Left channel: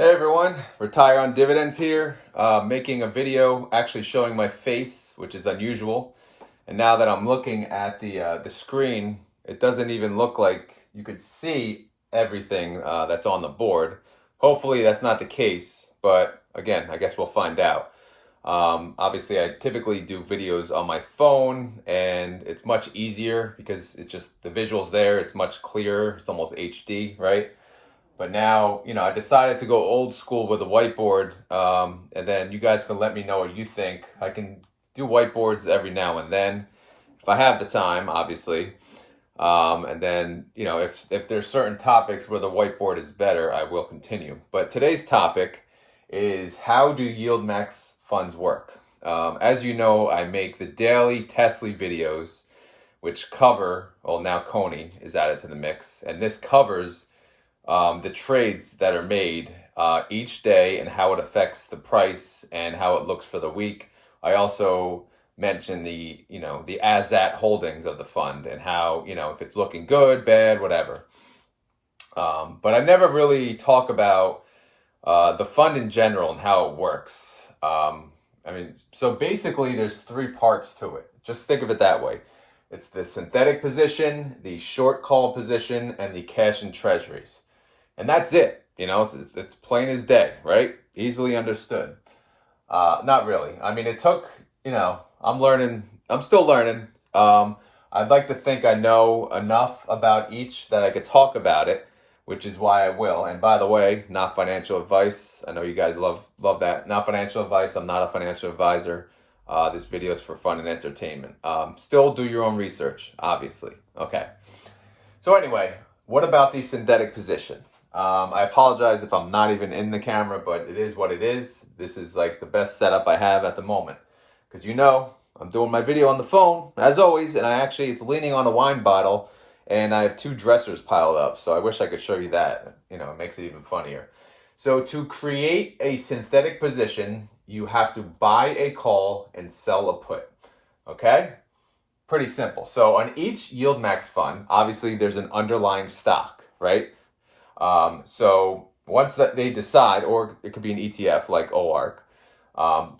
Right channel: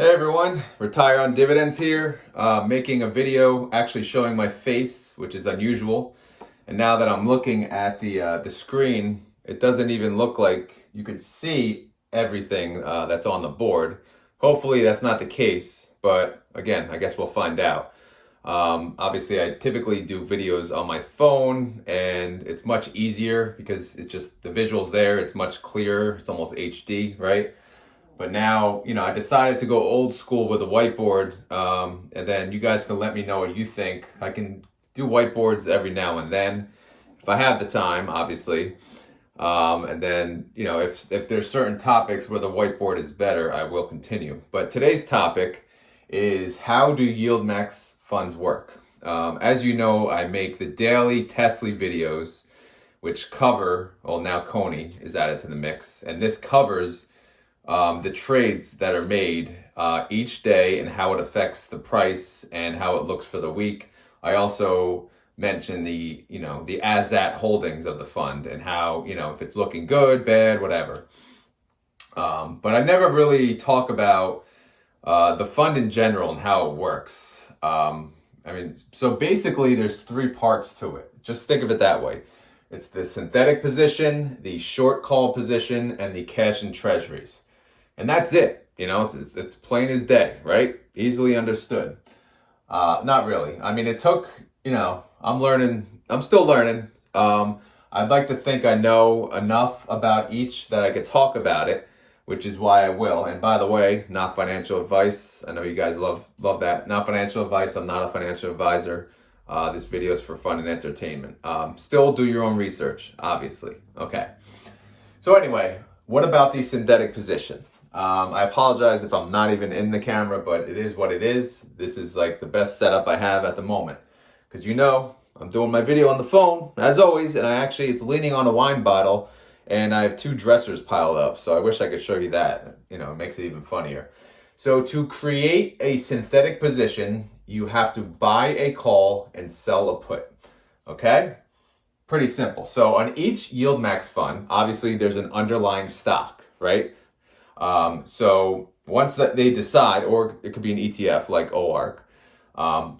Hey everyone, Retire on Dividends here, making a video actually showing my face, which is unusual. And now that I'm looking at the screen, it doesn't even look like you could see everything that's on the board. Hopefully that's not the case, but again, I guess we'll find out. Obviously, I typically do videos on my phone, and it's much easier because it's just the visuals there. It's much clearer. It's almost HD, right? But now, I decided to go old school with a whiteboard, and then you guys can let me know what you think. I can do whiteboards every now and then, if I have the time, obviously. And then, if there's certain topics where the whiteboard is better, I will continue. But today's topic is, how do YieldMax funds work? As you know, I make the daily Tesla videos, which cover, well, now Coney is added to the mix, and this covers the trades that are made each day and how it affects the price and how it looks for the week. I also mention the as-at holdings of the fund and how, if it's looking good, bad, whatever. But I never really talk about the fund in general and how it works. So basically there's three parts to it. Just think of it that way. It's the synthetic position, the short call position, and the cash and treasuries. And that's it. It's plain as day, right? Easily understood. Not really. It took, I'm still learning. I'd like to think I know enough about each that I could talk about it, which is why I will. And by the way, not financial advice. I know you guys love that. Not financial advice. I'm not a financial advisor. This video is for fun and entertainment. Still do your own research, obviously. Okay. So anyway, what about the synthetic position? I apologize if I'm not even in the camera, but it is what it is. This is like the best setup I have at the moment. Because I'm doing my video on the phone, as always, and it's leaning on a wine bottle, and I have two dressers piled up, so I wish I could show you that. It makes it even funnier. So to create a synthetic position, you have to buy a call and sell a put. Okay? Pretty simple. So on each YieldMax fund, obviously there's an underlying stock, right? So once that they decide, or it could be an ETF like OARC.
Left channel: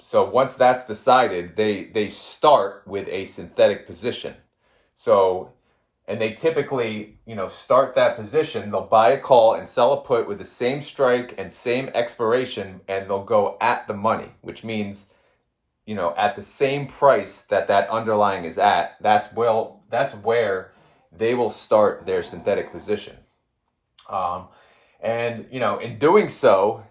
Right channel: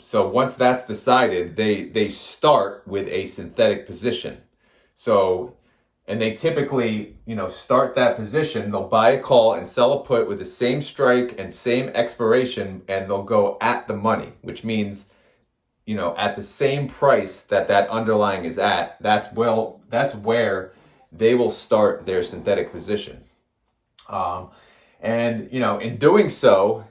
So once that's decided, they start with a synthetic position. So, and they typically, start that position. They'll buy a call and sell a put with the same strike and same expiration, and they'll go at the money, which means, at the same price that underlying is at. That's where they will start their synthetic position. In doing so,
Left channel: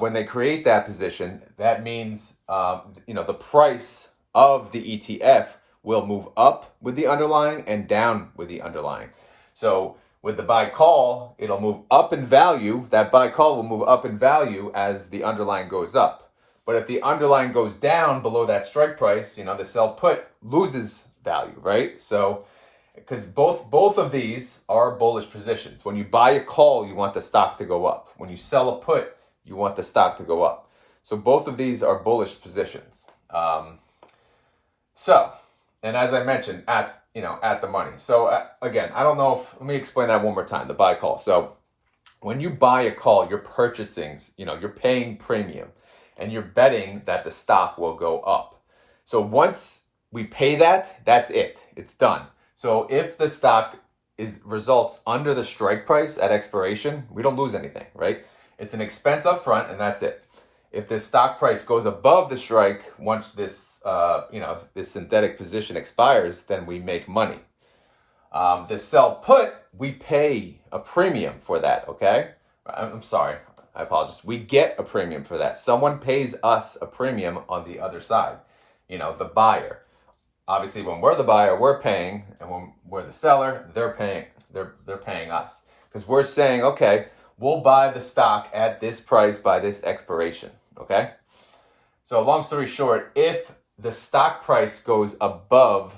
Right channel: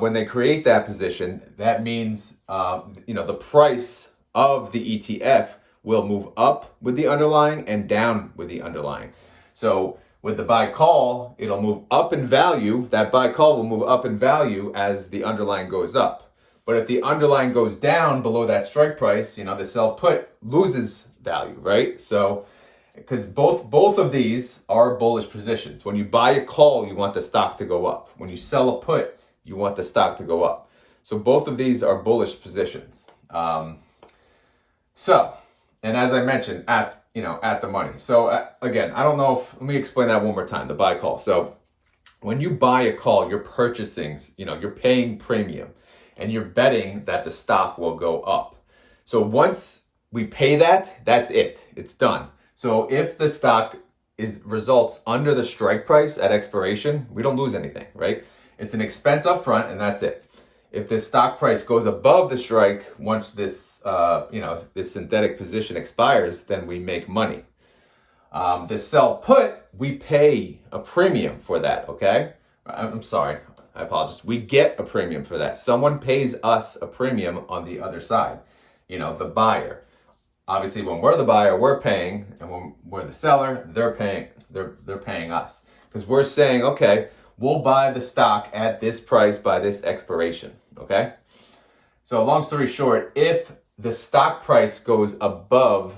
when they create that position, that means, the price of the ETF will move up with the underlying and down with the underlying. So with the buy call, it'll move up in value. That buy call will move up in value as the underlying goes up. But if the underlying goes down below that strike price, the sell put loses value, right? So, because both of these are bullish positions. When you buy a call, you want the stock to go up. When you sell a put, you want the stock to go up. So both of these are bullish positions. And as I mentioned, at the money. So again, I don't know let me explain that one more time, the buy call. So when you buy a call, you're purchasing, you're paying premium, and you're betting that the stock will go up. So once we pay that, that's it. It's done. So if the stock results under the strike price at expiration, we don't lose anything, right? It's an expense up front, and that's it. If the stock price goes above the strike, once this synthetic position expires, then we make money. The sell put, we pay a premium for that, okay? I'm sorry, I apologize. We get a premium for that. Someone pays us a premium on the other side, the buyer. Obviously, when we're the buyer, we're paying, and when we're the seller, they're paying us. Because we're saying, okay, we'll buy the stock at this price by this expiration, okay? So long story short, if the stock price goes above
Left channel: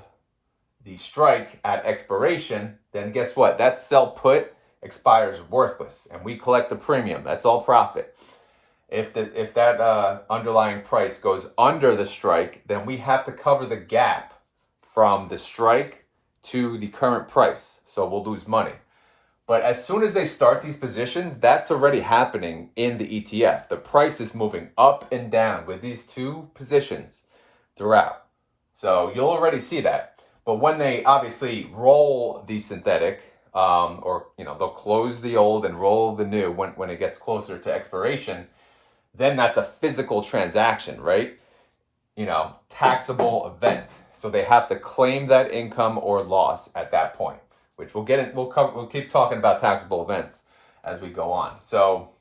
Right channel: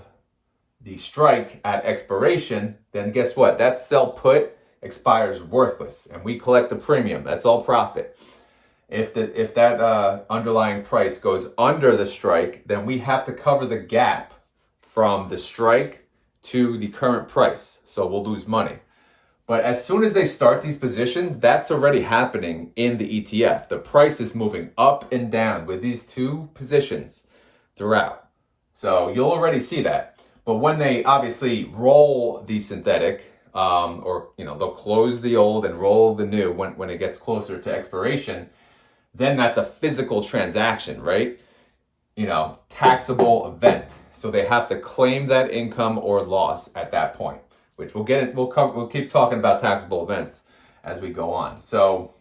the strike at expiration, then guess what? That sell put expires worthless, and we collect the premium. That's all profit. If that underlying price goes under the strike, then we have to cover the gap from the strike to the current price. So we'll lose money. But as soon as they start these positions, that's already happening in the ETF. The price is moving up and down with these two positions throughout. So you'll already see that. But when they obviously roll the synthetic, or they'll close the old and roll the new when it gets closer to expiration, then that's a physical transaction, right? Taxable event. So they have to claim that income or loss at that point, which we'll get in. We'll keep talking about taxable events as we go on. So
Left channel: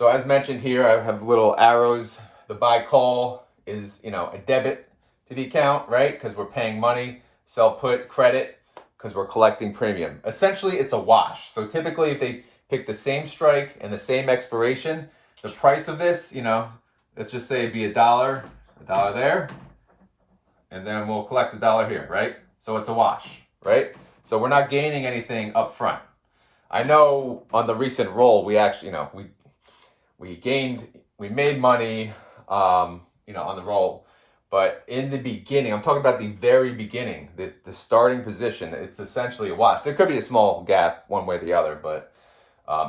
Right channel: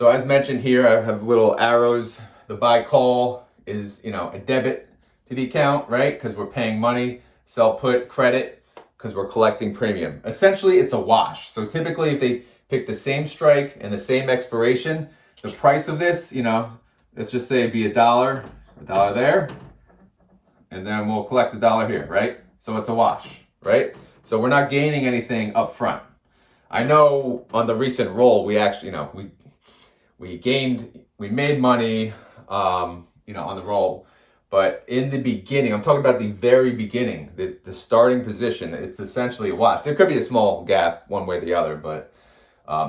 as mentioned here, I have little arrows. The buy call is a debit to the account, right? Because we're paying money. Sell put credit because we're collecting premium. Essentially, it's a wash. So typically, if they pick the same strike and the same expiration, the price of this, let's just say it'd be $1, $1 there, and then we'll collect $1 here, right? So it's a wash, right? So we're not gaining anything up front. I know on the recent roll, we actually, we made money, on the roll. But in the beginning, I'm talking about the very beginning, the starting position, it's essentially a wash. There could be a small gap one way or the other, but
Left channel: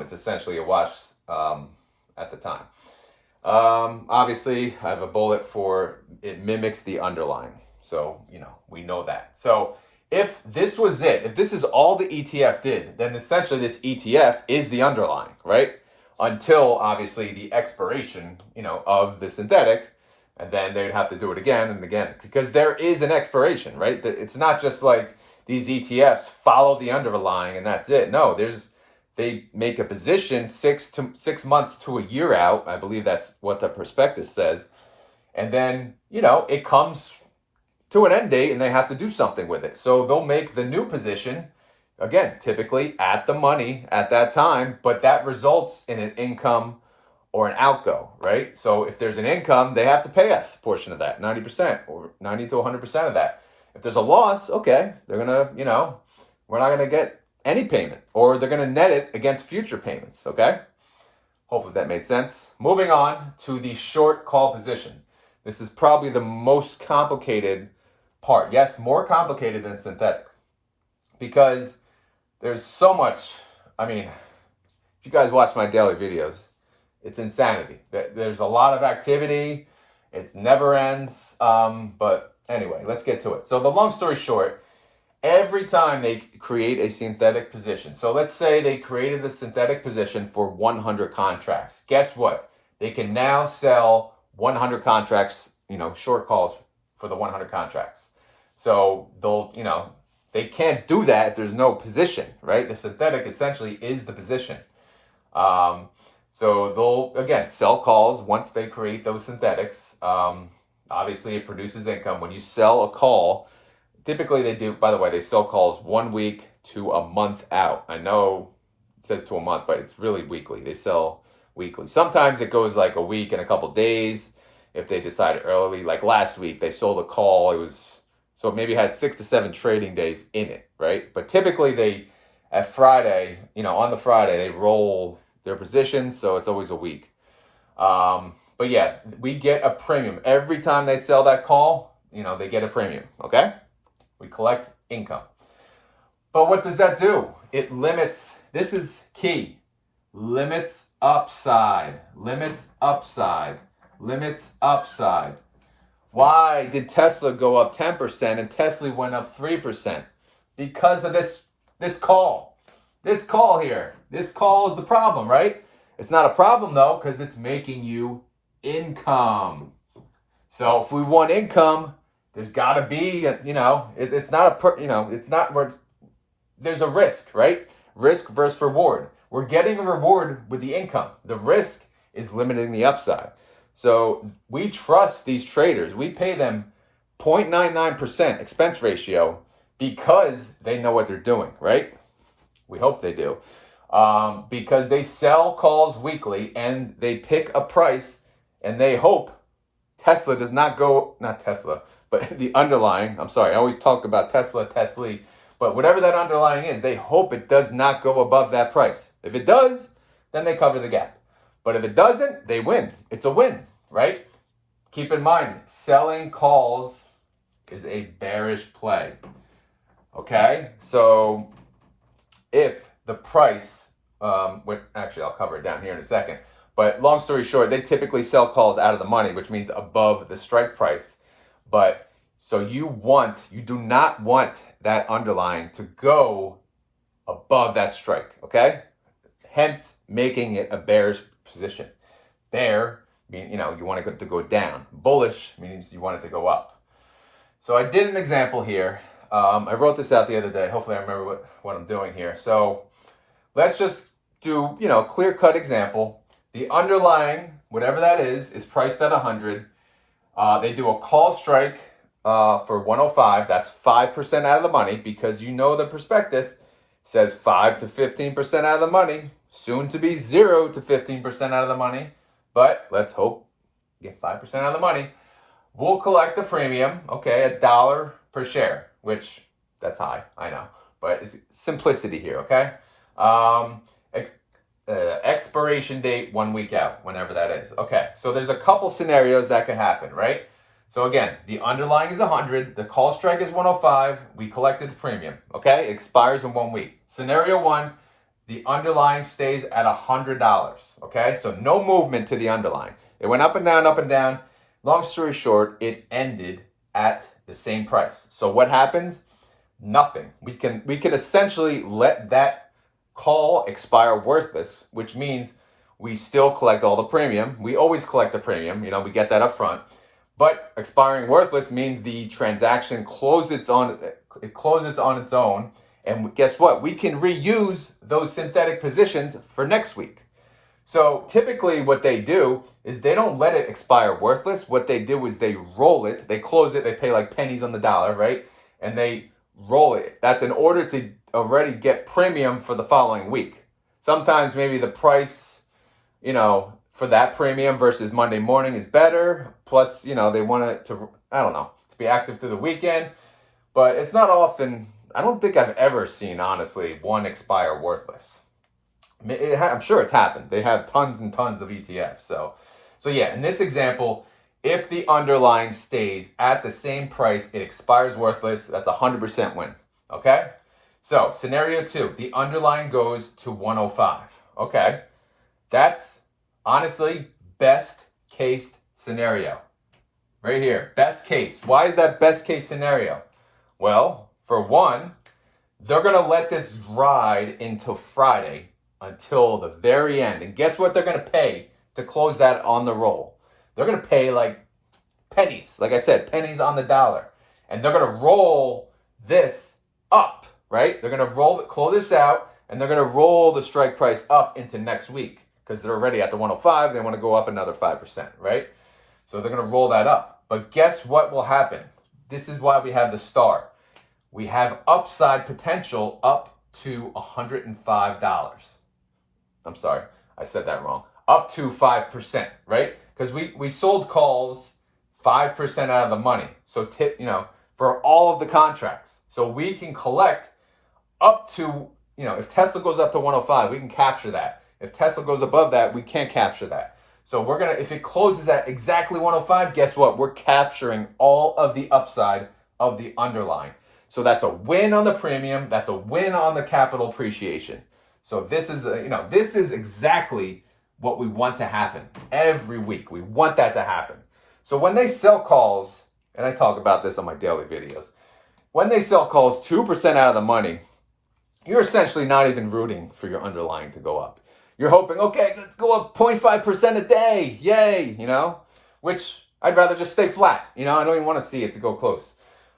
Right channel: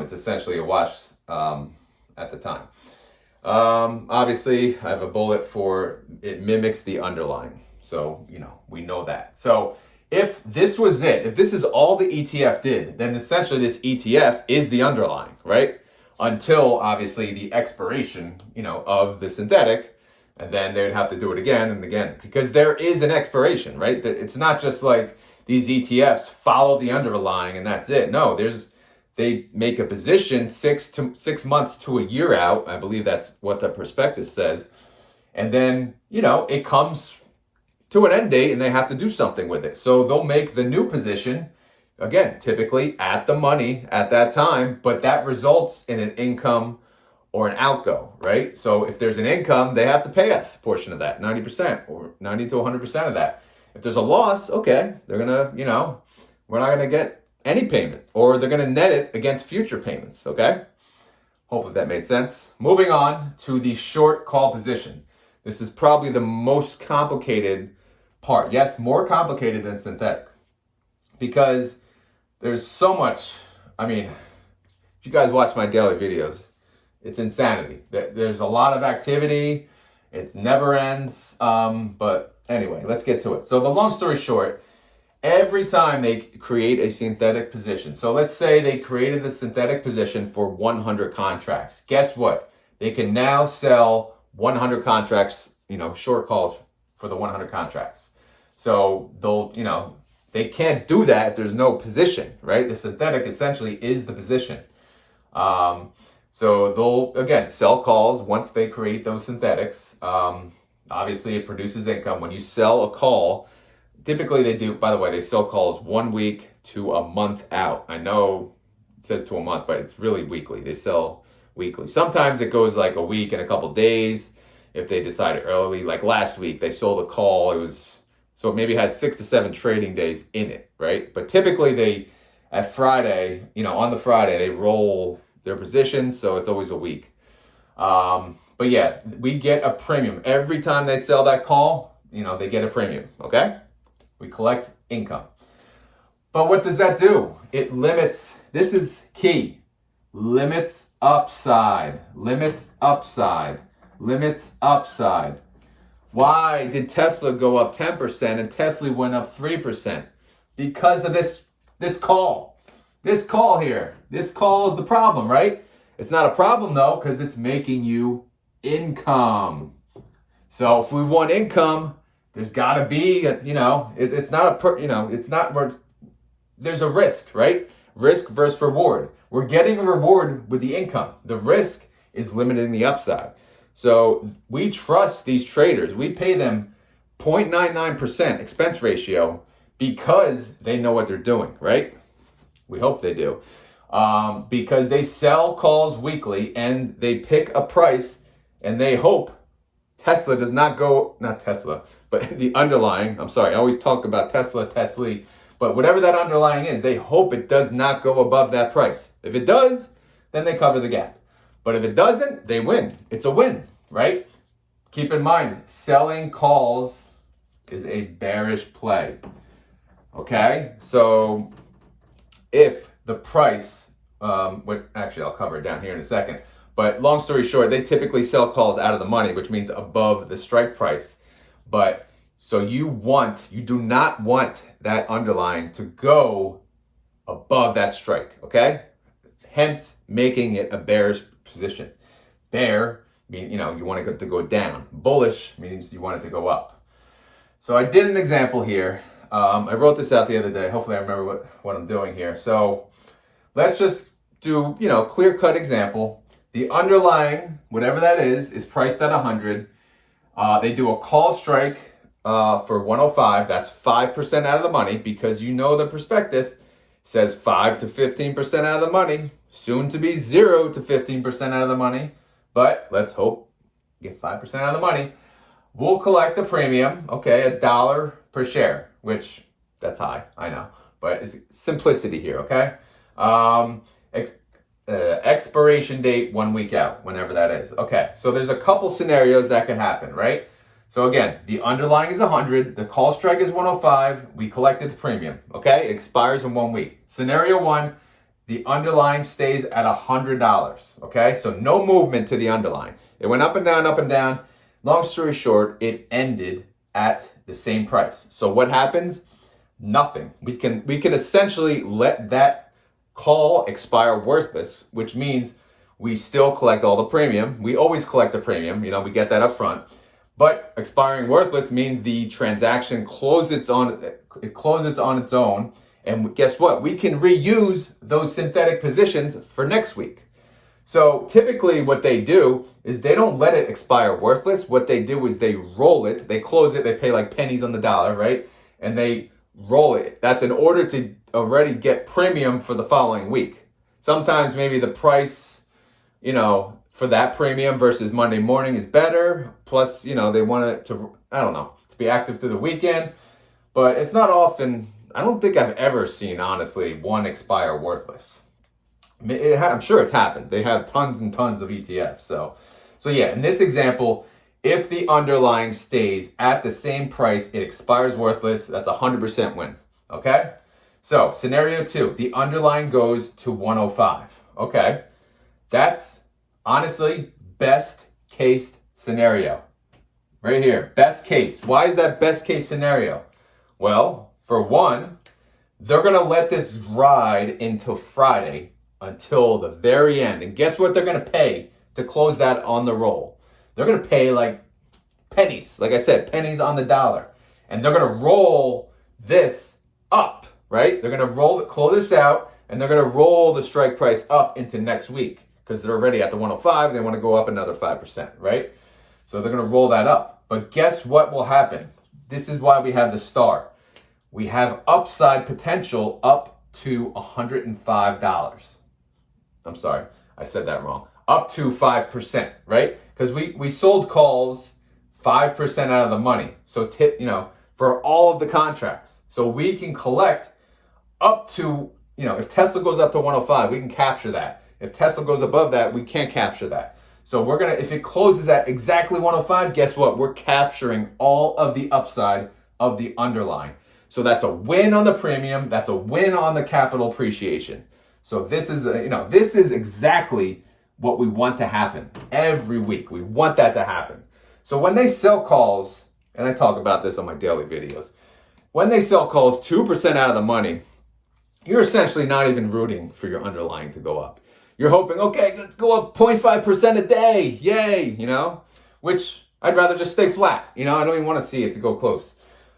it's essentially a wash at the time. Obviously, I have a bullet for it mimics the underlying. So, we know that. So if this was it, if this is all the ETF did, then essentially this ETF is the underlying, right? Until obviously the expiration, of the synthetic. And then they'd have to do it again and again because there is an expiration, right? It's not just like these ETFs follow the underlying and that's it. No, they make a position 6 months to a year out. I believe that's what the prospectus says. And then, it comes to an end date and they have to do something with it. So they'll make the new position, again, typically at the money at that time, but that results in an income or an outgo, right? So if there's an income, they have to pay us a portion of that, 90% or 90 to 100% of that. If there's a loss, okay, they're gonna, we're not gonna get any payment, or they're gonna net it against future payments, okay? Hopefully that made sense. Moving on to the short call position. This is probably the most complicated part. Yes, more complicated than synthetic because there's so much, if you guys watch my daily videos, it's insanity. There's a lot of activity. It never ends. But anyway, let's get to it. So the long story short, every time they create a synthetic position, so let's say they created the synthetic position for 100 contracts. Guess what? They can now sell 100 contracts, short calls for the 100 contracts. So they can't do that if there's no position, right? The synthetic essentially is the position. So they'll, again, sell calls once they create those synthetics. Obviously, it produces income. When you sell a call, typically they do, by the way, they sell calls 1 week to a month out. I know it says to a month, but it's really weekly. They sell weekly. Sometimes it goes like a week and a couple days if they decide early. Like last week, they sold a call. So it maybe had 6 to 7 trading days in it, right? But typically at Friday, on the Friday, they roll their positions, so it's always a week. But yeah, we get a premium. Every time they sell that call, they get a premium, okay? We collect income. But what does that do? It limits, this is key, limits upside, limits upside, limits upside. Why did Tesla go up 10% and Tesla went up 3%? Because of this call. This call here. This call is the problem, right? It's not a problem though, because it's making you income. So if we want income, there's got to be, it's not it's not where there's a risk, right? Risk versus reward. We're getting a reward with the income. The risk is limiting the upside. So we trust these traders. We pay them 0.99% expense ratio because they know what they're doing, right? We hope they do. Because they sell calls weekly and they pick a price and they hope Tesla does not go, not Tesla, but the underlying, I'm sorry, I always talk about Tesla, but whatever that underlying is, they hope it does not go above that price. If it does, then they cover the gap. But if it doesn't, they win. It's a win, right? Keep in mind, selling calls is a bearish play. Okay? So if the price, actually I'll cover it down here in a second, but long story short, they typically sell calls out of the money, which means above the strike price. But so you do not want that underlying to go above that strike, okay? Hence making it a bearish position. Bear means, you want it to go down. Bullish means you want it to go up. So I did an example here. I wrote this out the other day. Hopefully I remember what I'm doing here. So let's just do, clear-cut example. The underlying, whatever that is priced at 100. They do a call strike for 105. That's 5% out of the money, because the prospectus says 5 to 15% out of the money, soon to be 0 to 15% out of the money. But let's hope you get 5% out of the money. We'll collect the premium, okay, $1 per share, which that's high, I know, but it's simplicity here, okay? Expiration date 1 week out, whenever that is. Okay, so there's a couple scenarios that could happen, right? So again, the underlying is 100, the call strike is 105, we collected the premium, okay? It expires in 1 week. Scenario 1, the underlying stays at $100, okay? So no movement to the underlying. It went up and down, up and down. Long story short, it ended at the same price. So what happens? Nothing. We can essentially let that call expire worthless, which means we still collect all the premium. We always collect the premium, we get that up front. But expiring worthless means the transaction closes on its own. And guess what? We can reuse those synthetic positions for next week. So typically what they do is they don't let it expire worthless. What they do is they roll it, they close it, they pay like pennies on the dollar, right? And they roll it. That's in order to already get premium for the following week. Sometimes maybe the price, for that premium versus Monday morning is better. Plus, they want it to, to be active through the weekend. But it's not often, I don't think I've ever seen, honestly, one expire worthless. I'm sure it's happened. They have tons and tons of ETFs. So yeah, in this example, if the underlying stays at the same price, it expires worthless. That's 100% win. Okay? So scenario 2, the underlying goes to 105. Okay? That's honestly best case scenario. Right here, best case. Why is that best case scenario? Well, for one, they're going to let this ride until Friday, until the very end. And guess what they're going to pay to close that on the roll? They're going to pay like pennies. Like I said, pennies on the dollar. And they're going to roll this up, right? They're going to close this out, and they're going to roll the strike price up into next week because they're already at the 105. They want to go up another 5%, right? So they're going to roll that up. But guess what will happen? This is why we have the star. We have upside potential up to $105. I'm sorry, I said that wrong. Up to 5%, right? Because we sold calls 5% out of the money. So for all of the contracts. So we can collect up to, if Tesla goes up to 105, we can capture that. If Tesla goes above that, we can't capture that. So if it closes at exactly 105, guess what? We're capturing all of the upside of the underlying. So that's a win on the premium. That's a win on the capital appreciation. So this is exactly what we want to happen every week. We want that to happen. So when they sell calls, and I talk about this on my daily videos, when they sell calls 2% out of the money, you're essentially not even rooting for your underlying to go up. You're hoping, okay, let's go up 0.5% a day. Yay, which I'd rather just stay flat. I don't even want to see it to go close.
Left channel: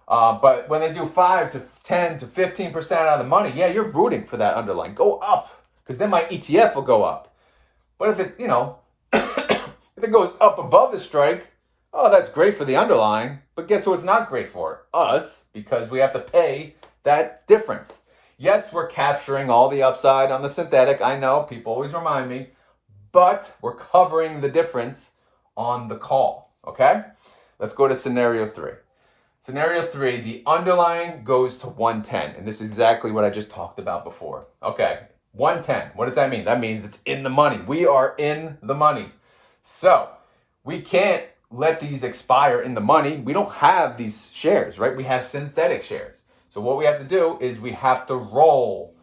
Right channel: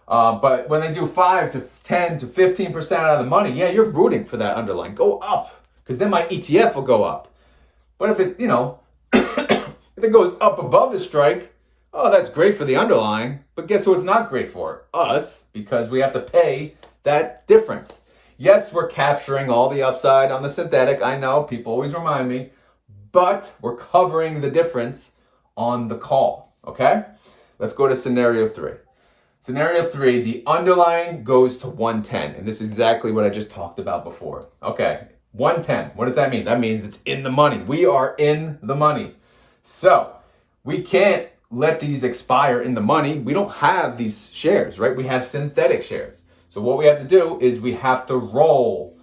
But when they do 5 to 10 to 15% out of the money, yeah, you're rooting for that underlying. Go up, because then my ETF will go up. But if it, if it goes up above the strike, oh, that's great for the underlying. But guess who it's not great for? Us, because we have to pay that difference. Yes, we're capturing all the upside on the synthetic. I know, people always remind me. But we're covering the difference on the call, okay? Let's go to scenario 3. Scenario 3, the underlying goes to 110. And this is exactly what I just talked about before. Okay, 110. What does that mean? That means it's in the money. We are in the money. So we can't let these expire in the money. We don't have these shares, right? We have synthetic shares. So what we have to do is we have to roll,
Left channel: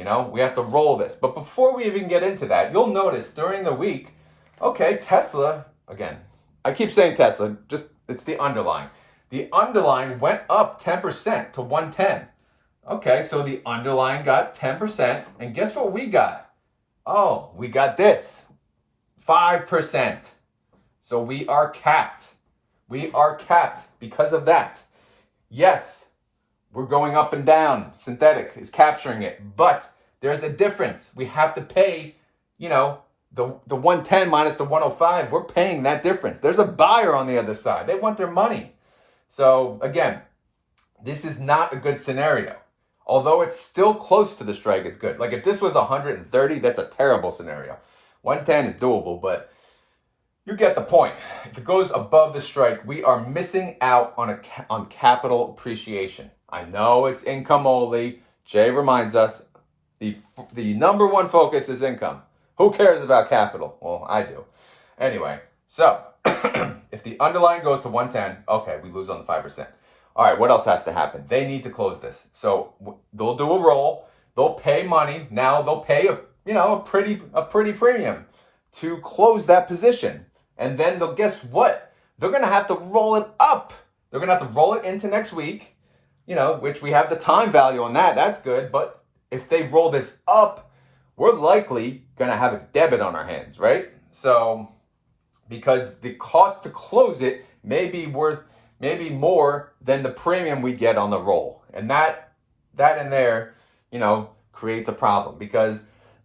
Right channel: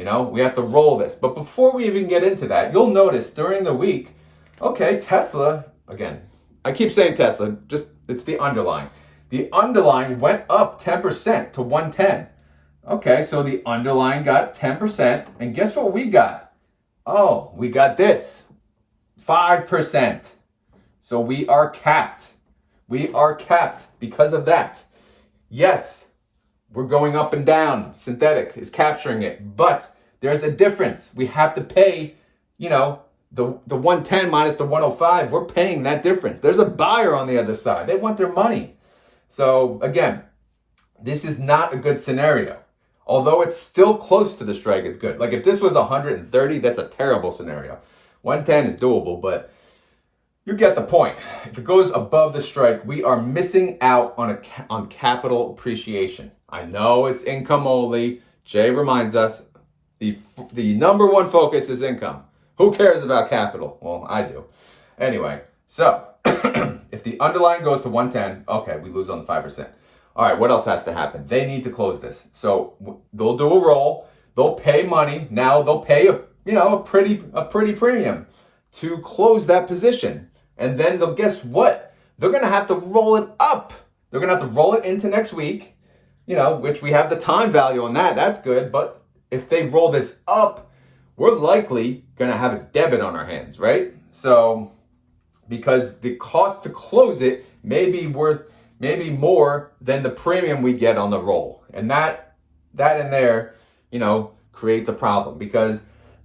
You know, we have to roll this. But before we even get into that, you'll notice during the week, okay, Tesla, again, I keep saying Tesla, just it's the underlying. The underlying went up 10% to 110. Okay, so the underlying got 10%. And guess what we got? Oh, we got this, 5%. So we are capped. We are capped because of that. Yes, we're going up and down. Synthetic is capturing it. But there's a difference. We have to pay, you know, the 110 minus the 105. We're paying that difference. There's a buyer on the other side. They want their money. So again, this is not a good scenario. Although it's still close to the strike, it's good. Like if this was 130, that's a terrible scenario. 110 is doable, but you get the point. If it goes above the strike, we are missing out on capital appreciation. I know it's income only. Jay reminds us the number one focus is income. Who cares about capital? Well, I do. Anyway, so if the underlying goes to 110, okay, we lose on the 5%. All right, what else has to happen? They need to close this. So they'll do a roll. They'll pay money. Now they'll pay a pretty premium to close that position. And then they'll, guess what? They're going to have to roll it up. They're going to have to roll it into next week, which we have the time value on that. That's good. But if they roll this up, we're likely going to have a debit on our hands, right? So because the cost to close it may be worth maybe more than the premium we get on the roll. And that in there, creates a problem because,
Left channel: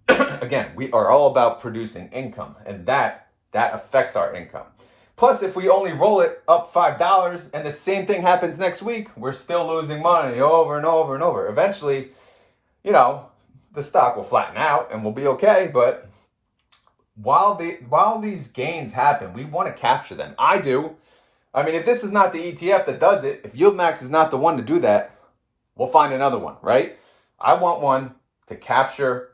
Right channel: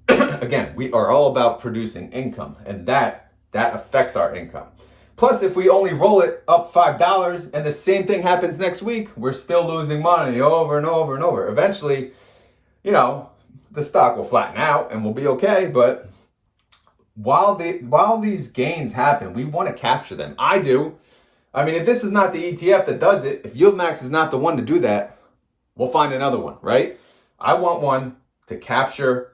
again, we are all about producing income, and that affects our income. Plus, if we only roll it up $5 and the same thing happens next week, we're still losing money over and over and over. Eventually, the stock will flatten out and we'll be okay. But while these gains happen, we want to capture them. I do. I mean, if this is not the ETF that does it, if YieldMax is not the one to do that, we'll find another one, right? I want one to capture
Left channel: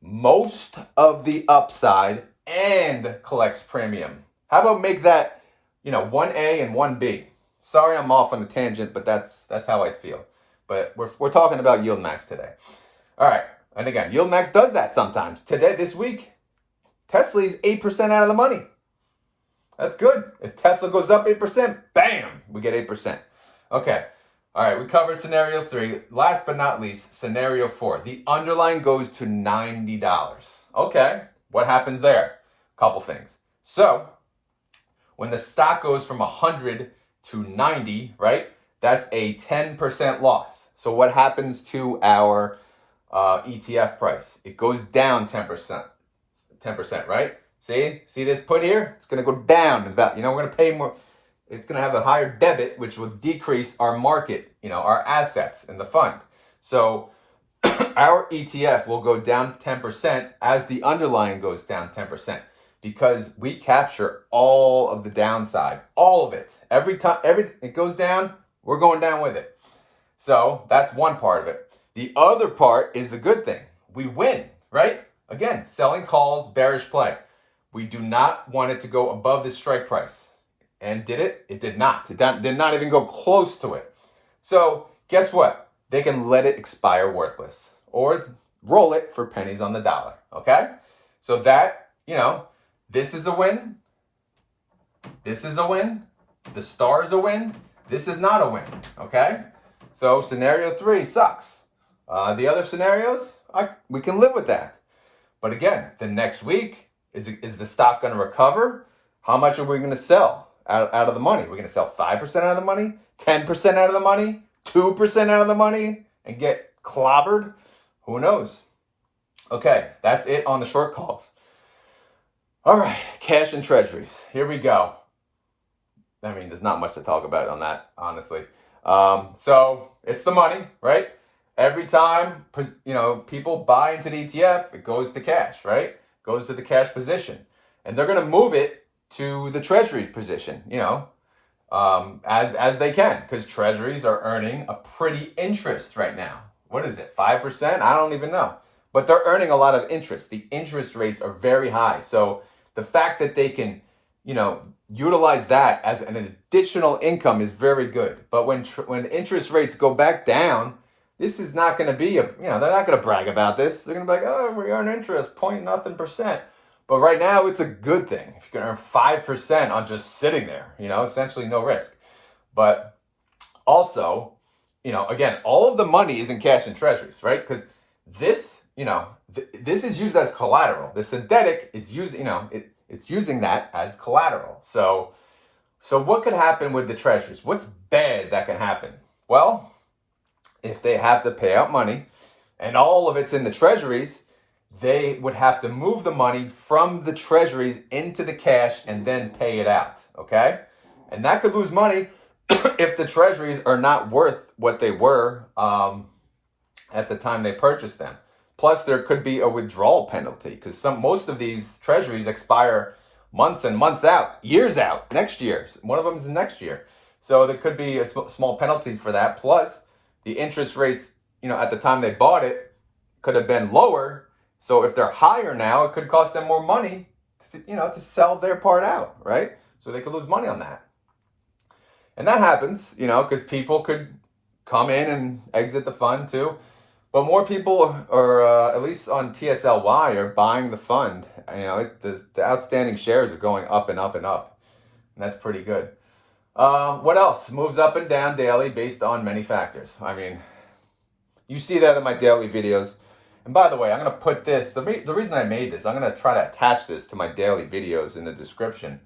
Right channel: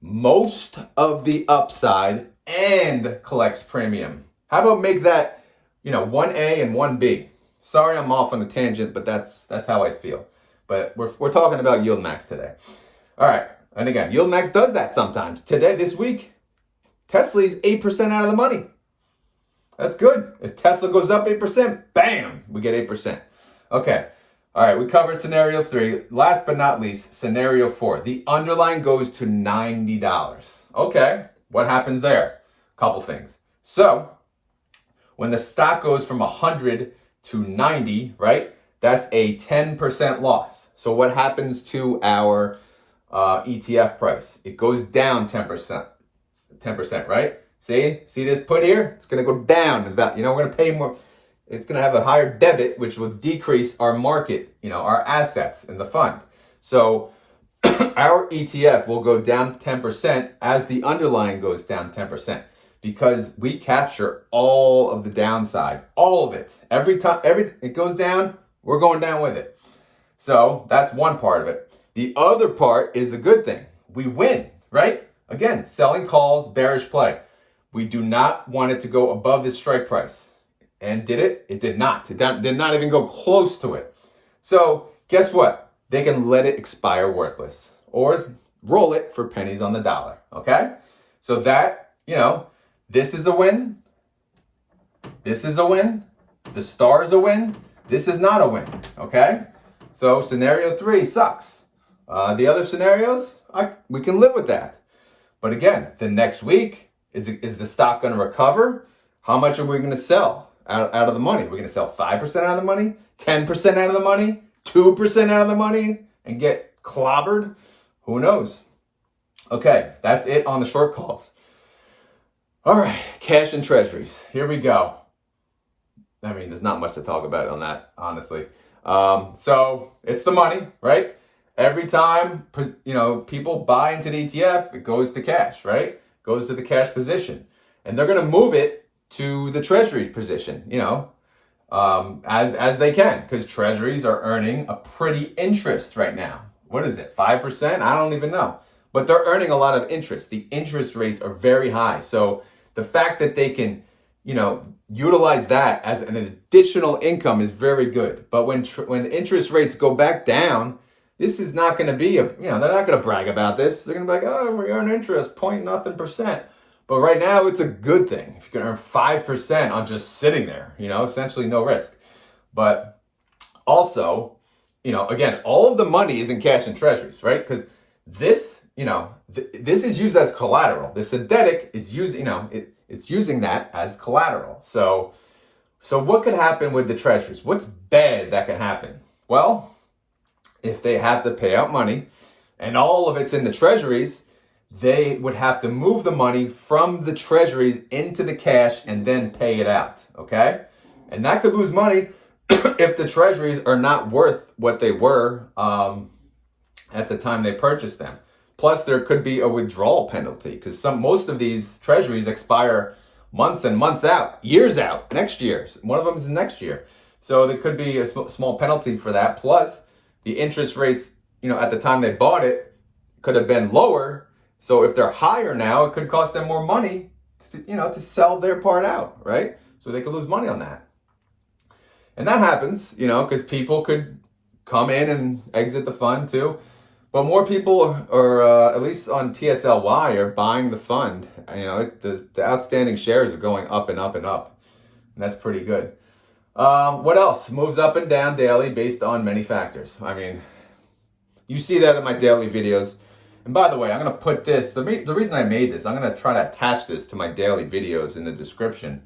most of the upside and collects premium. How about make that, 1A and 1B? Sorry, I'm off on the tangent, but that's how I feel. But we're talking about YieldMax today. All right, and again, YieldMax does that sometimes. This week, Tesla is 8% out of the money. That's good. If Tesla goes up 8%, bam, we get 8%. Okay. All right, we covered scenario 3. Last but not least, scenario 4. The underlying goes to $90. Okay, what happens there? Couple things. So, when the stock goes from 100 to 90, right? That's a 10% loss. So what happens to our ETF price? It goes down 10%. 10%, right? See this put here? It's going to go down. We're going to pay more. It's going to have a higher debit, which will decrease our market, our assets in the fund. So our ETF will go down 10% as the underlying goes down 10% because we capture all of the downside, all of it. Every time it goes down, we're going down with it. So that's one part of it. The other part is the good thing. We win, right? Again, selling calls, bearish play. We do not want it to go above the strike price. And did it? It did not. It did not even go close to it. So guess what? They can let it expire worthless or roll it for pennies on the dollar. Okay? So that, this is a win. This is a win. The star is a win. This is not a win. Okay? So scenario 3 sucks. The other scenarios, we can live with that. But again, the next week, is the stock going to recover? How much are we going to sell out of the money? We're going to sell 5% out of the money, 10% out of the money, 2% out of the money, and get clobbered? Who knows? Okay, that's it on the short calls. All right, cash and treasuries. Here we go. I mean, there's not much to talk about on that, honestly. So it's the money, right? Every time, people buy into the ETF, it goes to cash, right? Goes to the cash position. And they're going to move it to the treasury position, as they can, because treasuries are earning a pretty interest right now. What is it, 5%? I don't even know. But they're earning a lot of interest. The interest rates are very high. So the fact that they can, utilize that as an additional income is very good. But when interest rates go back down, this is not going to be they're not going to brag about this. They're going to be like, oh, we earn interest, point nothing percent. But right now, it's a good thing. If you can earn 5% on just sitting there, essentially no risk. But also, again, all of the money is in cash and treasuries, right? Because this, this is used as collateral. The synthetic is using, it's using that as collateral. So what could happen with the treasuries? What's bad that can happen? Well, if they have to pay out money and all of it's in the treasuries, they would have to move the money from the treasuries into the cash and then pay it out, okay? And that could lose money if the treasuries are not worth what they were at the time they purchased them. Plus, there could be a withdrawal penalty because most of these treasuries expire months and months out, years out, next year. One of them is next year. So there could be a small penalty for that. Plus, the interest rates, at the time they bought it could have been lower. So if they're higher now, it could cost them more money to sell their part out, right? So they could lose money on that. And that happens, because people could come in and exit the fund too. But more people are, at least on TSLY, are buying the fund. The outstanding shares are going up and up and up. And that's pretty good. What else? Moves up and down daily based on many factors. I mean, you see that in my daily videos. And by the way, I'm going to put this, the reason I made this, I'm going to try to attach this to my daily videos in the description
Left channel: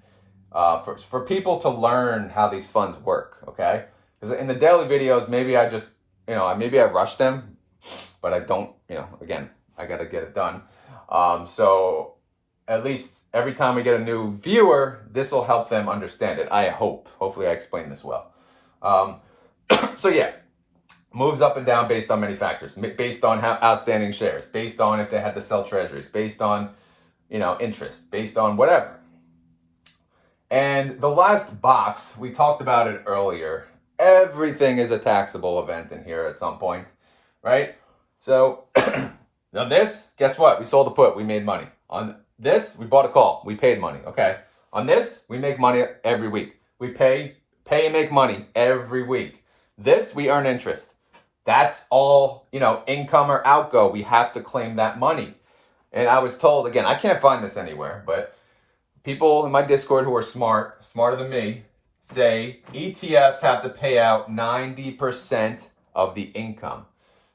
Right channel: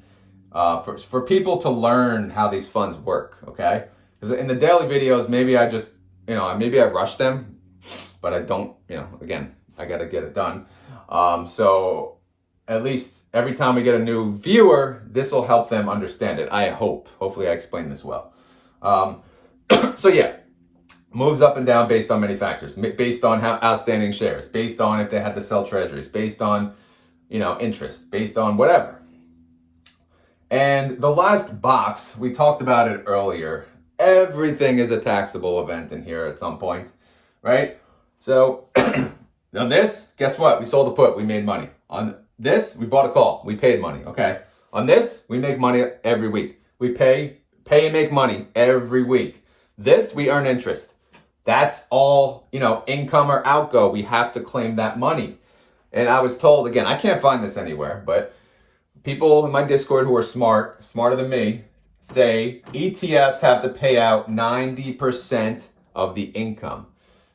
for people to learn how these funds work, okay? Because in the daily videos, maybe I just, maybe I rush them, but I don't, again, I got to get it done. So at least every time we get a new viewer, this will help them understand it. I hope. Hopefully I explained this well. So yeah. Moves up and down based on many factors, based on how outstanding shares, based on if they had to sell treasuries, based on, interest, based on whatever. And the last box, we talked about it earlier. Everything is a taxable event in here at some point, right? So on this, guess what? We sold a put, we made money. On this, we bought a call, we paid money, okay? On this, we make money every week. We pay and make money every week. This, we earn interest. That's all, income or outgo. We have to claim that money. And I was told, again, I can't find this anywhere, but people in my Discord who are smarter than me, say ETFs have to pay out 90% of the income.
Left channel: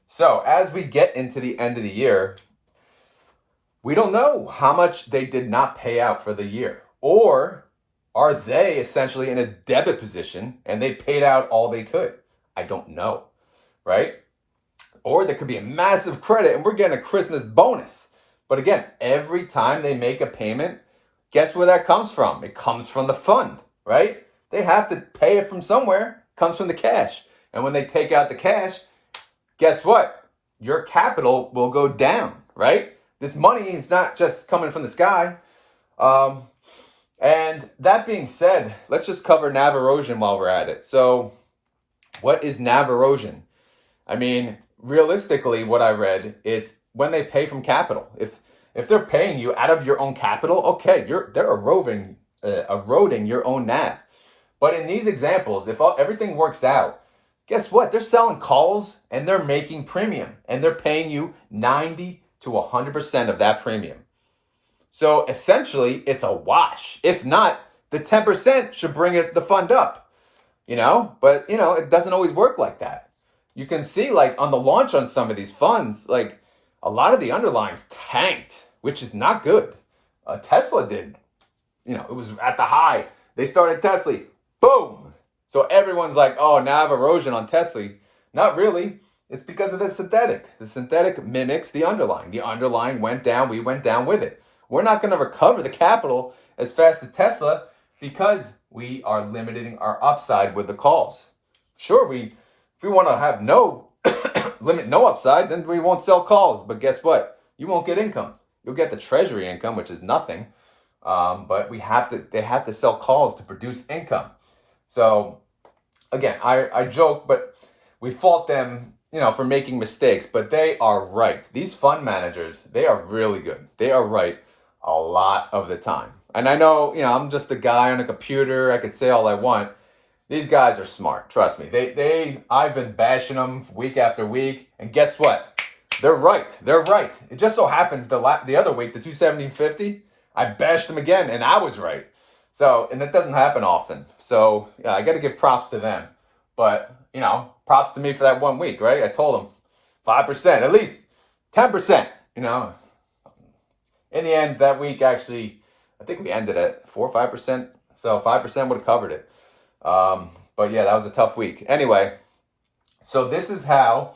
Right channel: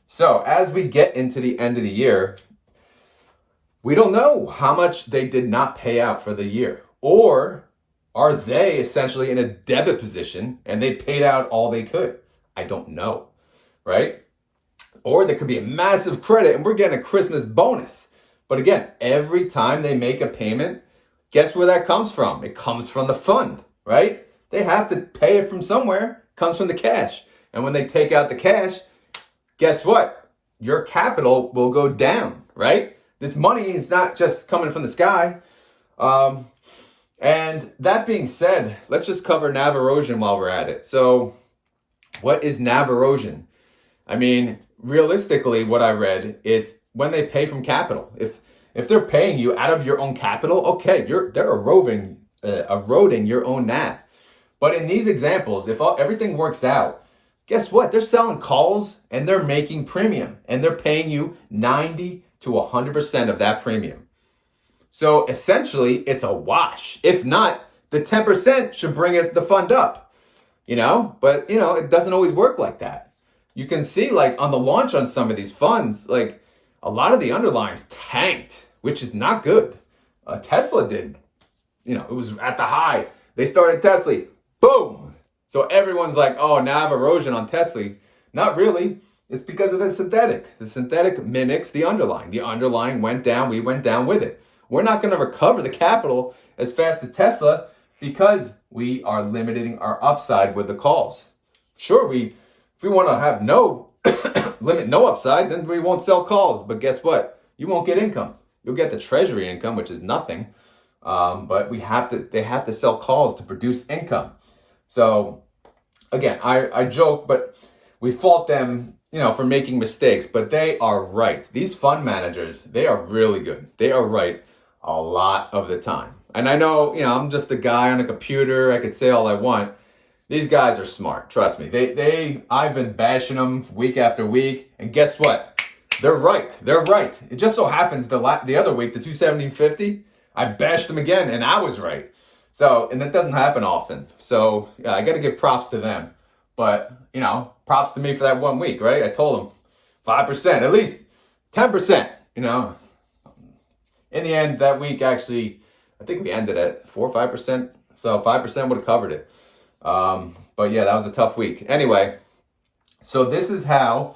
So as we get into the end of the year, we don't know how much they did not pay out for the year. Or are they essentially in a debit position and they paid out all they could? I don't know. Right? Or there could be a massive credit and we're getting a Christmas bonus. But again, every time they make a payment, guess where that comes from? It comes from the fund, right? They have to pay it from somewhere. It comes from the cash. And when they take out the cash, guess what? Your capital will go down, right? This money is not just coming from the sky. And that being said, let's just cover NAV erosion while we're at it. So what is NAV erosion? I mean, realistically, what I read, it's when they pay from capital. If they're paying you out of your own capital, okay, they're eroding your own NAV. But in these examples, if everything works out, guess what? They're selling calls and they're making premium and they're paying you 90 to 100% of that premium. So essentially, it's a wash. If not, the 10% should bring the fund up, But, it doesn't always work like that. You can see, like, on the launch on some of these funds, like, a lot of the underlyings tanked, which is not good. Tesla did. It was at the high. They started Tesla. Boom! So everyone's like, oh, NAV erosion on Tesla. Not really. It's because of the synthetic. The synthetic mimics the underlying. The underlying went down. We went down with it. We're not going to recover the capital as fast as Tesla because we are limiting our upside with the calls. Sure, if we want to have limit no upside, then we won't sell calls. But guess what? You won't get income. You'll get the treasury income, which is nothing. But they have to sell calls to produce income. So again, I joke, but we fault them, for making mistakes, but they are right. These fund managers, they are really good. They are right a lot of the time. And I know, I'm just the guy on a computer. I could say all I want. These guys are smart. Trust me. I've been bashing them week after week, and guess what? They're right. They're right. It just so happens the other week, the 217.50, I bashed them again, and I was right. So, and that doesn't happen often. So, yeah, I got to give props to them. But, you know, props to me for that 1 week, right? I told them 5%, at least 10%, you know. In the end, that week, actually, I think we ended at 4 or 5%. So 5% would have covered it. But yeah, that was a tough week. Anyway, so this is how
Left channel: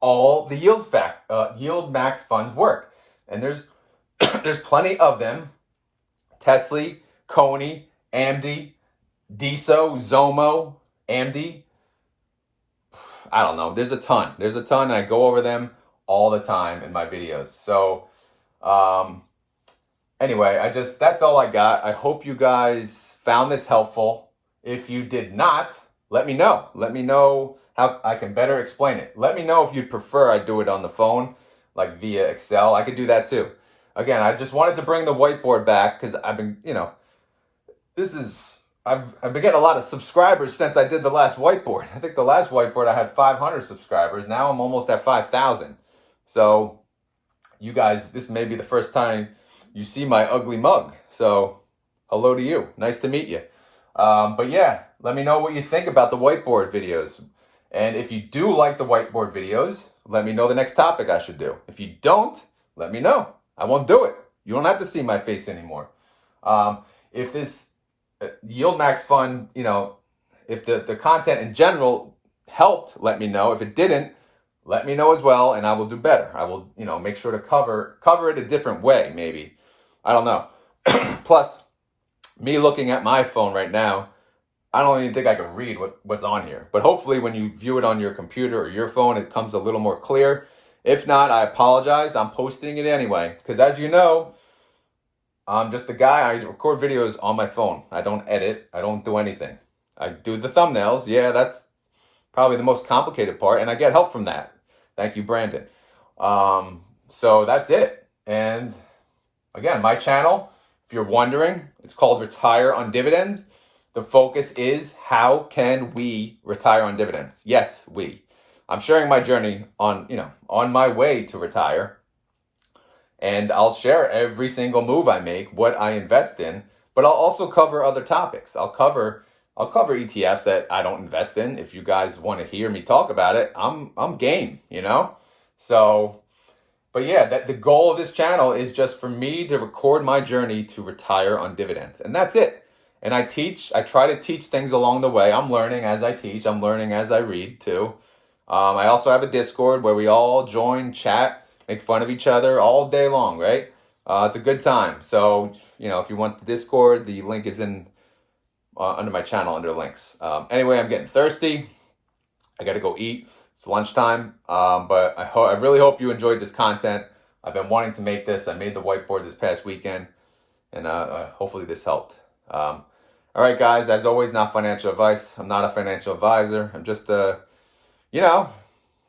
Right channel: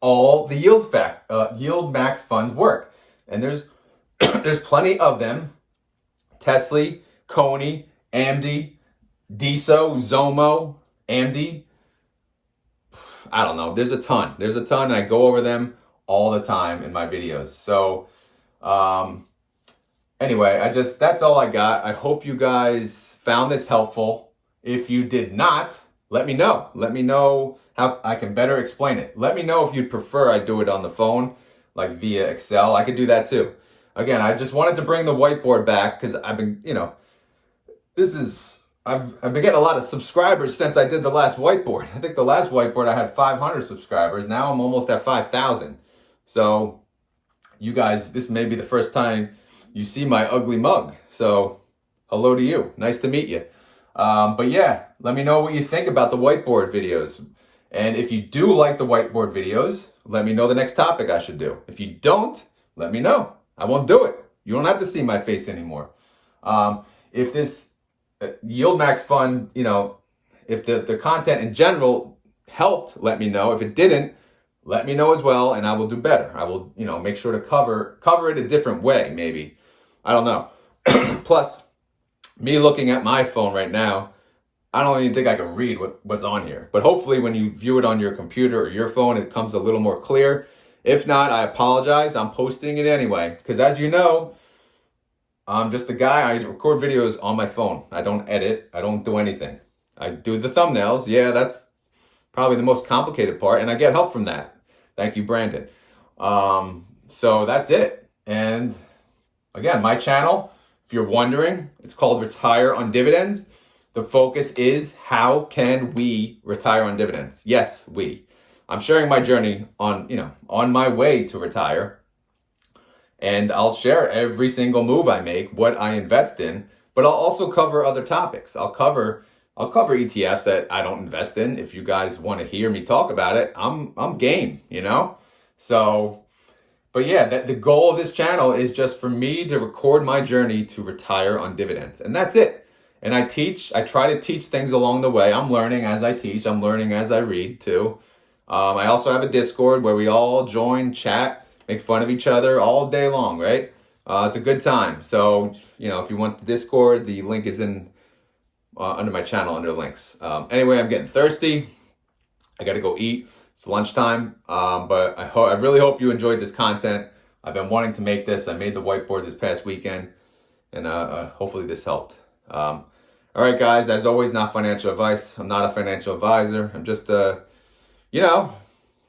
all the YieldMax funds work. And there's there's plenty of them. Tesla, Coney, AMD, DSO, Zomo, AMD. I don't know. There's a ton. There's a ton. And I go over them all the time in my videos. So, anyway, that's all I got. I hope you guys found this helpful. If you did not, let me know. Let me know how I can better explain it. Let me know if you'd prefer I do it on the phone, like via Excel. I could do that too. Again, I just wanted to bring the whiteboard back because I've been, you know, I've been getting a lot of subscribers since I did the last whiteboard. I think the last whiteboard I had 500 subscribers. Now I'm almost at 5,000. So you guys, this may be the first time you see my ugly mug. So hello to you. Nice to meet you. But yeah, let me know what you think about the whiteboard videos. And if you do like the whiteboard videos, let me know the next topic I should do. If you don't, let me know. I won't do it. You don't have to see my face anymore. If this YieldMax fund, you know, if the content in general helped, let me know. If it didn't, let me know as well, and I will do better. I will, you know, make sure to cover it a different way, maybe. I don't know. Plus, me looking at my phone right now, I don't even think I can read what's on here. But hopefully when you view it on your computer or your phone, it comes a little more clear. If not, I apologize. I'm posting it anyway. Because as you know, I'm just a guy. I record videos on my phone. I don't edit. I don't do anything. I do the thumbnails. Yeah, that's probably the most complicated part. And I get help from that. Thank you, Brandon. So that's it. And again, my channel, if you're wondering, it's called Retire on Dividends. The focus is how can we retire on dividends? Yes, we. I'm sharing my journey on my way to retire. And I'll share every single move I make, what I invest in, but I'll also cover other topics. I'll cover ETFs that I don't invest in. If you guys want to hear me talk about it, I'm game, you know? So, but yeah, the goal of this channel is just for me to record my journey to retire on dividends. And that's it. And I try to teach things along the way. I'm learning as I teach. I'm learning as I read too. I also have a Discord where we all join, chat, make fun of each other all day long, right? It's a good time. So, you know, if you want the Discord, the link is in under my channel under links. Anyway, I'm getting thirsty. I got to go eat. It's lunchtime. But I really hope you enjoyed this content. I've been wanting to make this. I made the whiteboard this past weekend, and hopefully this helped. All right, guys, as always, not financial advice. I'm not a financial advisor. I'm just you know,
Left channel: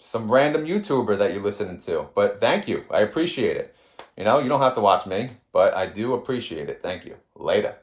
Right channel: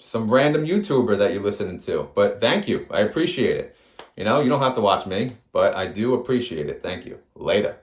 some random YouTuber that you're listening to. But thank you. I appreciate it. You know, you don't have to watch me, but I do appreciate it. Thank you. Later.